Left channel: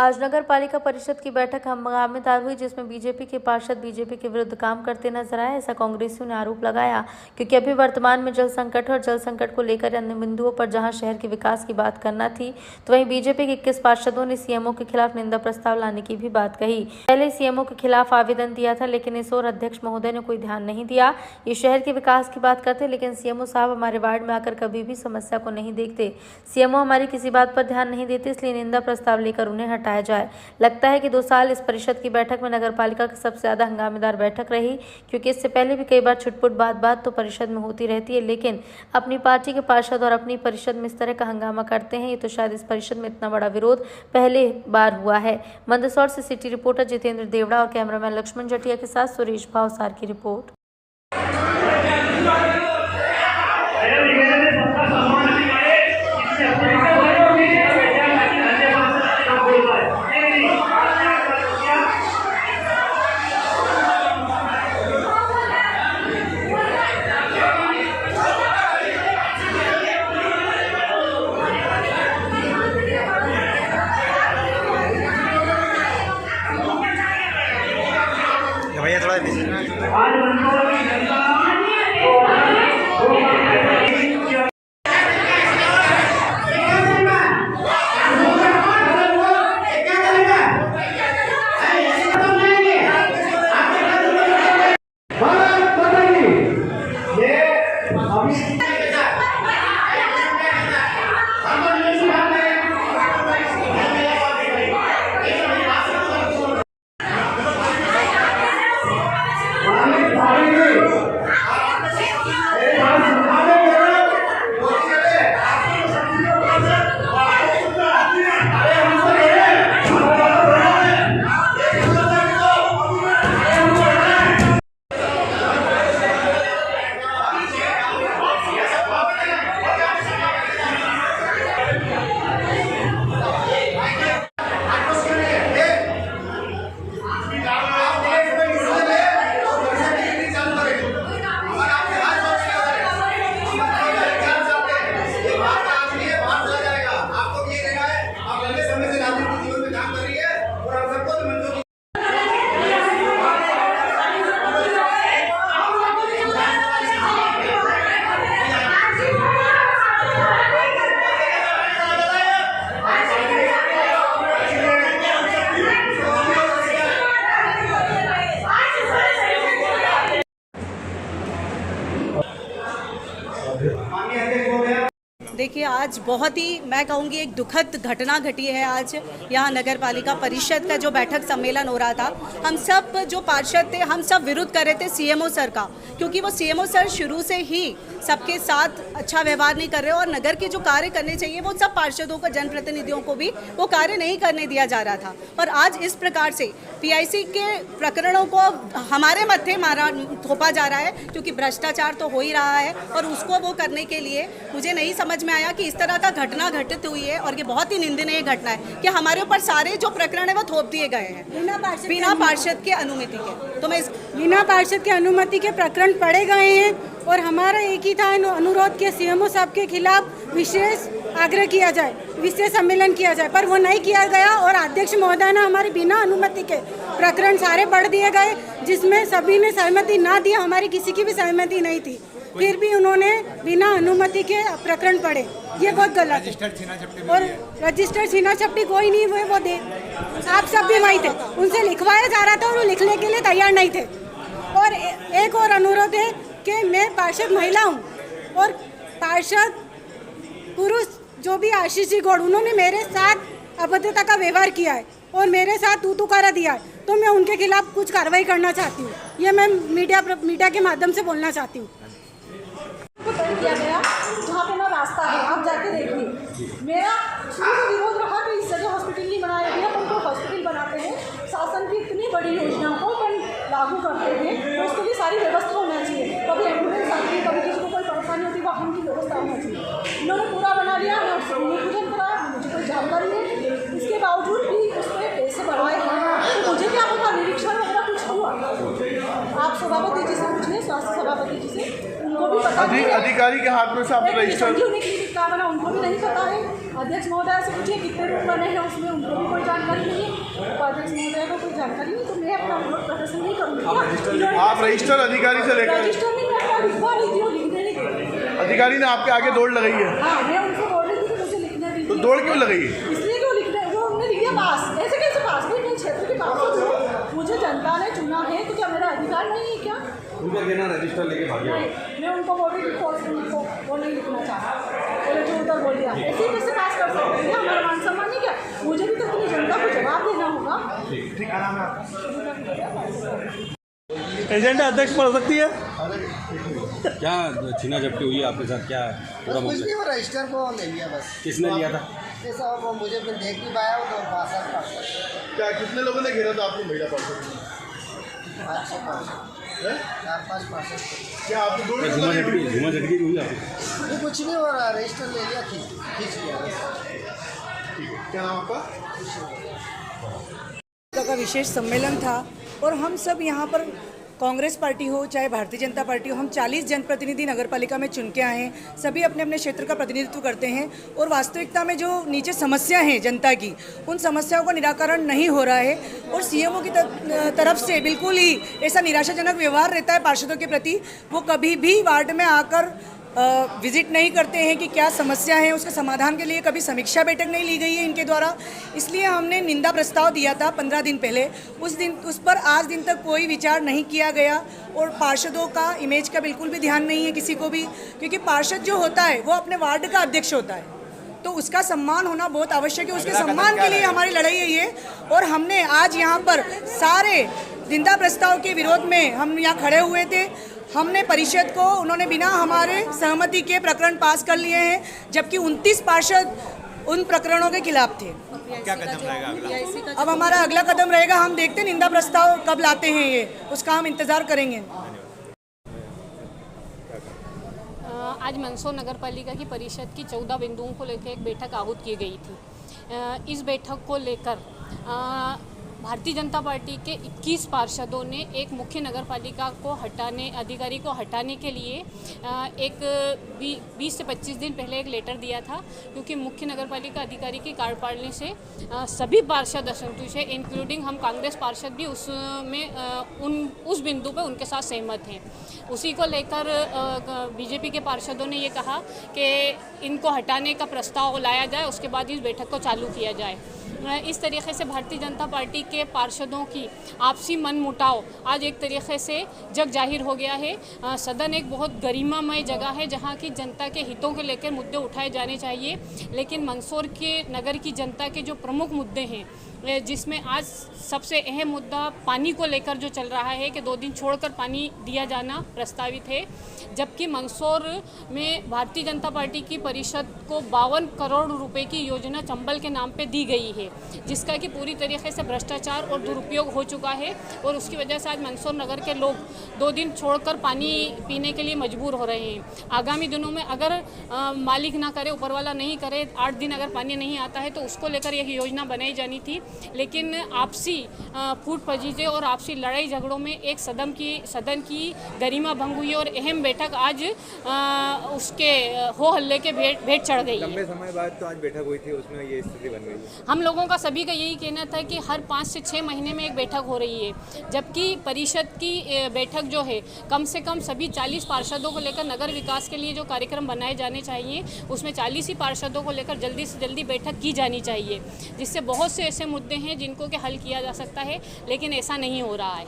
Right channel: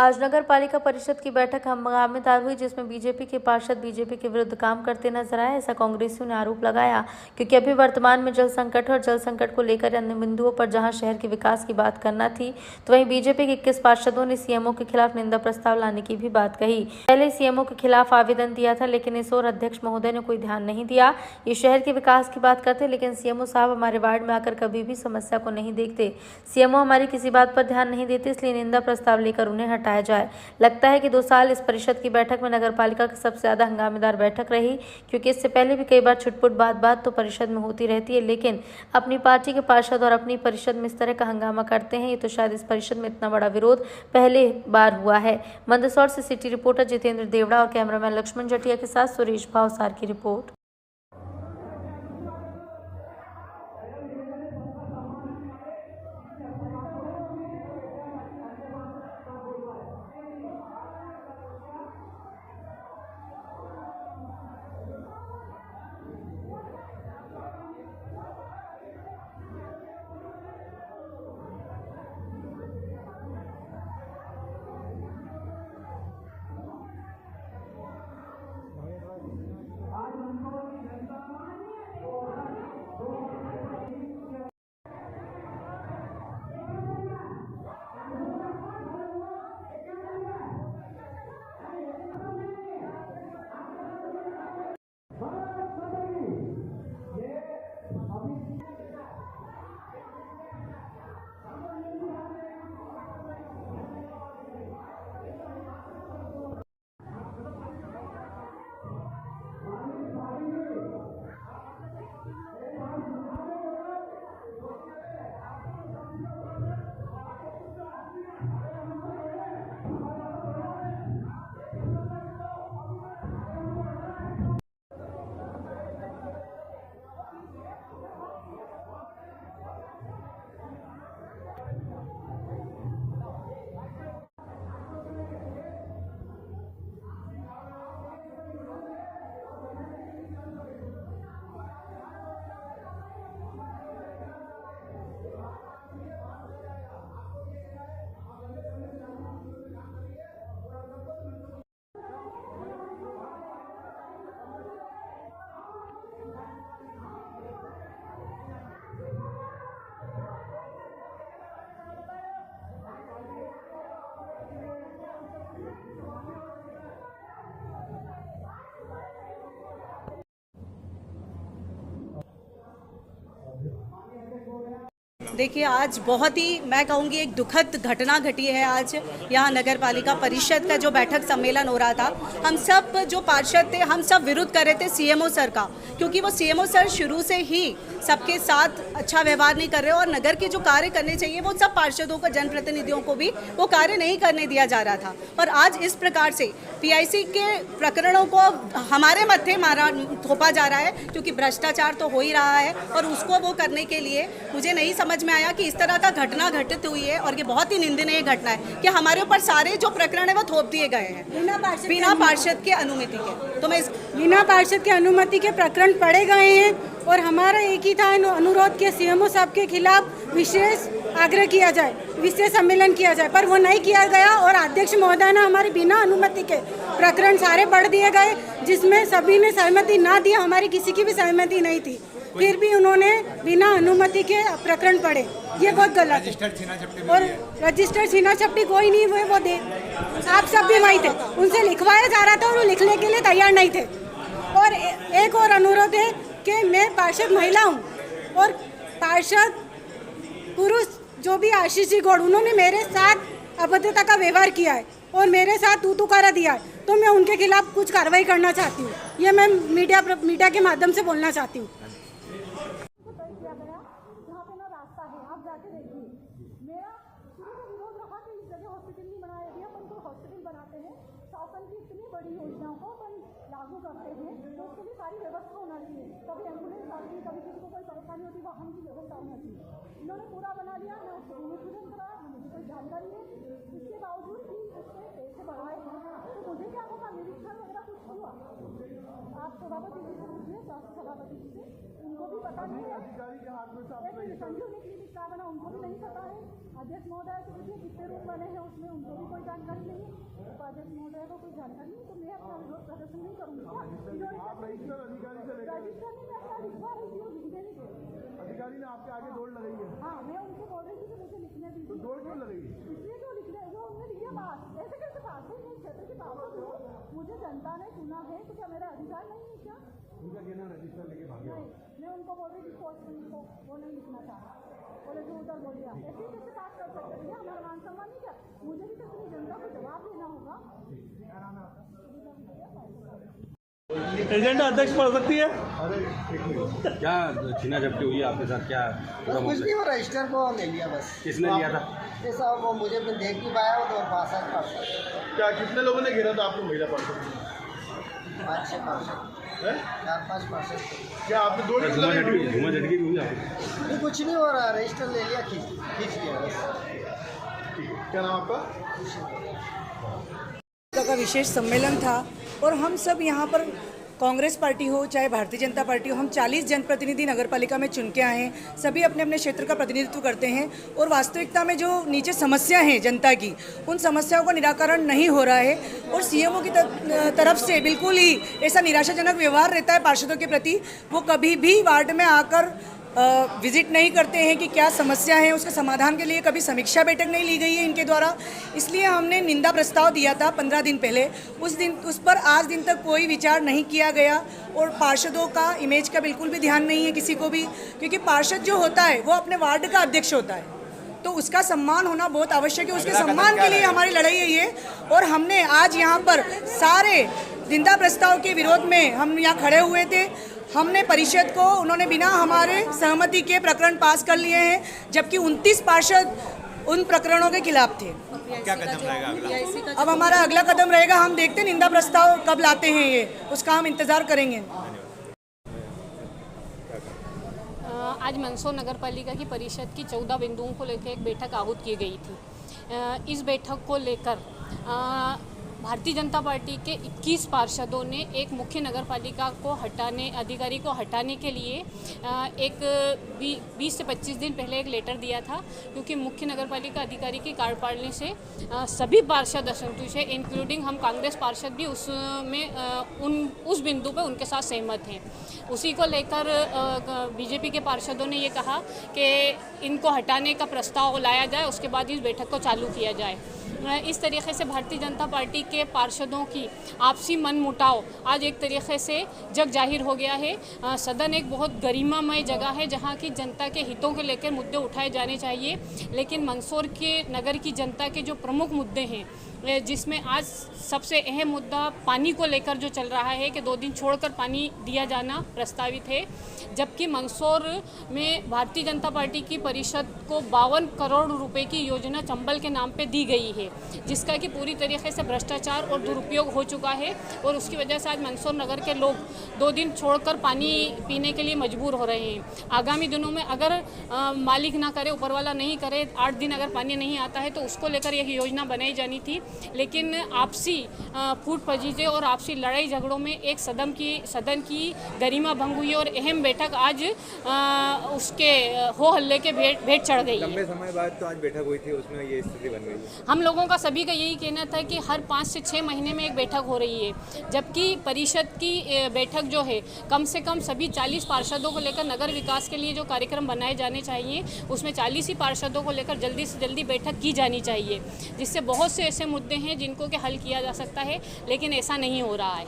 आज नगर पालिका परिषद की बैठक हंगामेदार हुई, जिसमें बीजेपी के पार्षद बीजेपी के विरुद्ध काम करते नजर आए। ऐसा कांग्रेसियों ने आरोप लगाया, क्योंकि अभी वर्तमान में जल संकट और जल संकट को लेकर अन्य बिंदुओं पर जहां शहर के विकास की बात करना थी, तो वहीं बीजेपी के 21 पार्षदों ने सीएमओ के खिलाफ निंदा प्रस्ताव लाने की भी बात कही। पहले सीएमओ के खिलाफ आवेदन दिया था, लेकिन इस ओर अध्यक्ष महोदय ने कोई ध्यान नहीं दिया। ये शहर के विकास की बात करते, लेकिन सीएमओ साहब हमारे वार्ड में आकर कभी भी समस्या को नहीं देखते। सीएमओ हमारी किसी बात पर ध्यान नहीं देते, इसलिए निंदा प्रस्ताव लेकर उन्हें हटाया जाए। लगता है कि 2 साल इस परिषद की बैठक में नगर पालिका की सबसे ज्यादा हंगामेदार बैठक रही, क्योंकि इससे पहले भी कई बार छुटपुट बात तो परिषद में होती रहती है, लेकिन अपनी पार्टी के पार्षद और अपनी परिषद में इस तरह का हंगामा करते हैं। ये तो शायद इस परिषद में इतना बड़ा विरोध पहले बार हुआ है। मंदसौर से सिटी रिपोर्टर जितेंद्र देवड़ा और कैमरामैन लक्ष्मण जटिया के साथ सुरेश भावसार की रिपोर्ट। भैया थोड़ा देखिए, आज बहुत ही मैं कहूँगी एक दुखद घटना घटी है। आज यहाँ नगर पालिका परिषद का जो बैठक सम्मेलन हो रहा था, हम सब जो पार्षद थे हम सब विरोध कर रहे थे सीएमओ सर का, क्योंकि वो सीएमओ सर शुरू से ही सबके साथ अच्छा व्यवहार नहीं कर रहे और नगर के जो कार्य करने चाहिए वो सब पार्षदों को, जनप्रतिनिधियों को भी वो कार्य नहीं करने दिया जा रहा था। और आज इस प्रकार से पीआईसी के प्रकरणों को हमारे मत्थे थोपा जा रहा है, क्योंकि भ्रष्टाचार तो हो ही रहा है और उसको वो करने के लिए मुझे नहीं समझ में आया कि इस तरह का घटना घटित हुई है। और ये बहुत ही निंदनीय घटना है कि हमारे ऊपर सारे जो प्रकरण है वो थोप दिए गए हैं बिना पार्षद के अनुमति के। तो मैं बिना पार्षद के अनुमति के प्रकरण पढ़े गए हैं और हमारा एक ही था अनुरोध के सीएमओ साहब के खिलाफ विशेष आग्रह किया जाए, विशेष सम्मेलन किया जाए, पर वो नहीं किया गया और अध्यक्ष महोदय ने हमारे बिना अनुमति के प्रकरण सारे पढ़ दिए गए, जिसमें सभी ने सहमति ना दिया, हमारी किसी की भी सहमति नहीं थी, फिर भी उन्होंने बिना अनुमति के प्रकरण पढ़े। ये बहुत गलत है। और रजिस्टर्ड छीना झपटी कोई नहीं हुए, वो दे आप सब भी वही थे, उनसे लिखवाया जा रहा था और वो लिखने के लिए तैयार नहीं थे। और एक और अनुरोध है कि मैं पार्षद महिला हूँ और पार्षद पुरुष जो भी आशीष जी गौड़, उन्होंने मेरे साथ अभद्रता का व्यवहार किया है और मेरे साथ तू करा दिया है, तो मैं उनके खिलाफ कुछ कार्रवाई करना चाहती हूँ। ये मैं मीडिया के माध्यम से बोलना चाहती हूँ। किया गया जहाँ पे ना रास्ता है, आप जाके देखिए। मेरा शुरू से विरोध रहा कि इस जगह हॉस्पिटल नहीं बनाया गया, उनको हॉस्पिटल बनाते हैं, शासन की इतनी बड़ी योजनाओं को अपन लागू करते हैं तो उसके लिए सारी व्यवस्था होना चाहिए। कभी एम्बुलेंस आती है, कभी किसी को कोई परेशानी होती है, वाहन की व्यवस्था होना चाहिए। इन्होंने पूरा बना लिया, मैं उससे भूमि पूजन कराया, मुझे कोई जानकारी नहीं, इसके बावजूद भी उस पर पैसे बढ़ाए हैं। तो मुझे क्या पता निरीक्षण वगैरह कुछ हुआ? आप सभापति जी से पूछिए, स्वास्थ्य सभापति जी से, उनको भी पता अधिकारी के हाथ में से आपने रजिस्टर संजीवनी क्लिनिक कहाँ बना उनको भी नहीं पता है। अध्यक्ष महोदय से पूछिए कितने रूम बने हैं उसमें, उनको भी कोई जानकारी नहीं है। तो अध्यक्ष महोदय को कोई जानकारी नहीं, तो मैं अपना विरोध प्रदर्शन नहीं करूँगी। आप रजिस्टर अधिकारी से लेकर रजिस्टर नहीं, मैं अपना लिखवा रही थी, वो लिखने नहीं दे। अधिकारी ने आपके आगे दौड़ लगाई है, हाँ, मैं उनको बोल रही थी कि मुझे लिखने दीजिए। तो दौड़ क्यों लगाई है? इसलिए कि वो लिखने, वो उन्होंने लिख दिया पास। ऐसे कैसे पास? भाई मैं क्षेत्र के पास हूँ, मुझे जनता ने चुना है, तो क्या मेरा अधिकार नहीं है क्या? उनका कहना रजिस्टर लेके भागे। मैं उनको बोल रही थी उनको वो नहीं लिखना चाहता, बोले जो उधर बोल दिया। ऐसे ही कैसे पास कर सकते हैं? हमारा मान सम्मान नहीं क्या? मुझे भी तो अपनी जनता को जवाब देना होगा। एजेंडा अध्यक्ष पढ़ सकती है। क्या छीना झपटी हुई है आपके साथ? क्या बस कुछ नहीं, वो रजिस्टर को ले लिया बस। किसने लिया था? ये सब वो मुझे भी देख नहीं पाया, वो तो पार्षद क्या कितने लोगों ने घेरा था आपको? महिला पार्षद 5-6 पार्षद, 4-5 पार्षद। क्या आपने दौड़ झूमा झटकी हुई आपको? नहीं कुछ नहीं हो रहा, रजिस्टर ले लिया, खींच लिया बस। क्या नाम आपका? का विशेष सम्मेलन था और हम सब यहाँ पर कांग्रेस पार्टी हो चाहे भारतीय जनता पार्टी हो, हम 40 जनप्रतिनिधि नगरपालिका में चुन के आए हैं। सभी अपने अपने क्षेत्र का प्रतिनिधित्व करते हैं और वास्तविकता में जो नीचे समस्या हैं जनता की, उन समस्याओं का निराकरण नहीं हो रहा है और सीएमओ की तरफ से बिल्कुल ही ऐसा निराशाजनक व्यवहार रहता है पार्षदों के प्रति। वो कभी भी वार्ड में आकर विजिट नहीं करते हैं कि क्या समस्या है, उसके समाधान के लिए कभी समीक्षा बैठक नहीं ली गई है इनके द्वारा। इसलिए हमने निंदा प्रस्ताव दिया था 15 दिन पहले, उस पर आज दिन तक कोई विचार नहीं किया गया और पार्षदों का इमेज का बिल्कुल भी ध्यान नहीं है किसी को भी, क्योंकि पार्षद जो होता है वो अपने वार्ड का अध्यक्ष होता है, तो उसका सम्मान होना बहुत आवश्यक है। उसके सम्मान के लिए हमारी लड़ाई है ये। और हमने आज यहाँ पर सारे निंदा प्रस्ताव के विरोध में हम यहाँ खड़े हुए थे। हमने परिषद को, उन्होंने बिना हमारे सहमति के प्रकरण पास कर लिए हैं, जबकि 29 पार्षद उन प्रकरणों के खिलाफ थे। क्या कदम रहेगा अगला? अब हमारा अगला कदम रहेगा, हम देखते हैं निंदा प्रस्ताव कब लाते हैं, ये उसका हम इंतज़ार करेंगे। आज मंदसौर नगर पालिका की परिषद की 14 बिंदुओं को लेकर एक बैठक आहूत की गई थी। इस बैठक को लेकर भारतीय जनता पार्टी के 21 पार्षदों ने एक मुख्य नगर पालिका को अधिकारी को हटाने के लिए एक 20 से 25 दिन पहले एक लेटर दिया था, क्योंकि मुख्य नगर पालिका अधिकारी की कार्यप्रणाली से सभी पार्षद असंतुष्ट है, इंक्लूडिंग हम कांग्रेस पार्षद भी उस बिंदु पर उनके साथ सहमत हैं। उसी को लेकर बीजेपी के पार्षदों ने ये कहा कि इनको हटाने का प्रस्ताव लाया जाए, उसके बाद इस बैठक को चालू किया जाए। इस तरीके से भारतीय जनता पार्टी के पार्षदों की आपसी मनमुटाव आज एक तरीके से जग जाहिर हो गया है। सदन एक बहुत गरिमामय जगह है जहां की जनता के हितों को लेकर मुद्दे उठाए जाने चाहिए, लेकिन मंदसौर के नगर की जनता के जो प्रमुख मुद्दे हैं, जिसमें आज सबसे अहम मुद्दा पानी को लेकर जो चल रहा है कि 2 दिन छोड़कर पानी दिया जाना प्रस्तावित है, जबकि मंदसौर में भारतीय जनता पार्टी की परिषद को 52 करोड़ रुपए की योजना चंबल के नाम पे दी गई है, जिसका कि पूरी तरीके से भ्रष्टाचार और दुरुपयोग हो चुका है और उसकी वजह से आज मंदसौर नगर के लोग 2 दिन छोड़कर पानी पीने के लिए मजबूर हो रहे हैं। आगामी दिनों में अगर मालिक ना करे, ऊपर वाला नहीं करे, 8 दिन अगर पानी नहीं आता है तो उसको लेकर एक योजना बनाई जानी थी, लेकिन आपसी फूट फजीते और आपसी लड़ाई झगड़ों में एक सदन की गरिमा भंग हुई और अहम बैठक आज उसके हो हल्ले के भेंट चढ़ गई है। लंबे समय बाद तो आज बैठक हुई थी, उसमें ये स्थिति बन गई है। हम लोगों का सभी का यही कहना था कि हर 5 से 6 महीने में एक बैठक हो रही है, जबकि परिषद की बैठक जो है कम से कम सभी 40 पार्षदों को लेकर नगर विकास के लिए जो कार्यक्रम बनाए जाने चाहिए, उसमें 40 ही पार्षदों को लेकर जल्दी से जल्दी बैठक की जानी चाहिए, जिससे बहुत से ऐसे मुद्दे हैं जिनको कि हल किया जा सकता है, लेकिन ऐसा नहीं हो रहा है।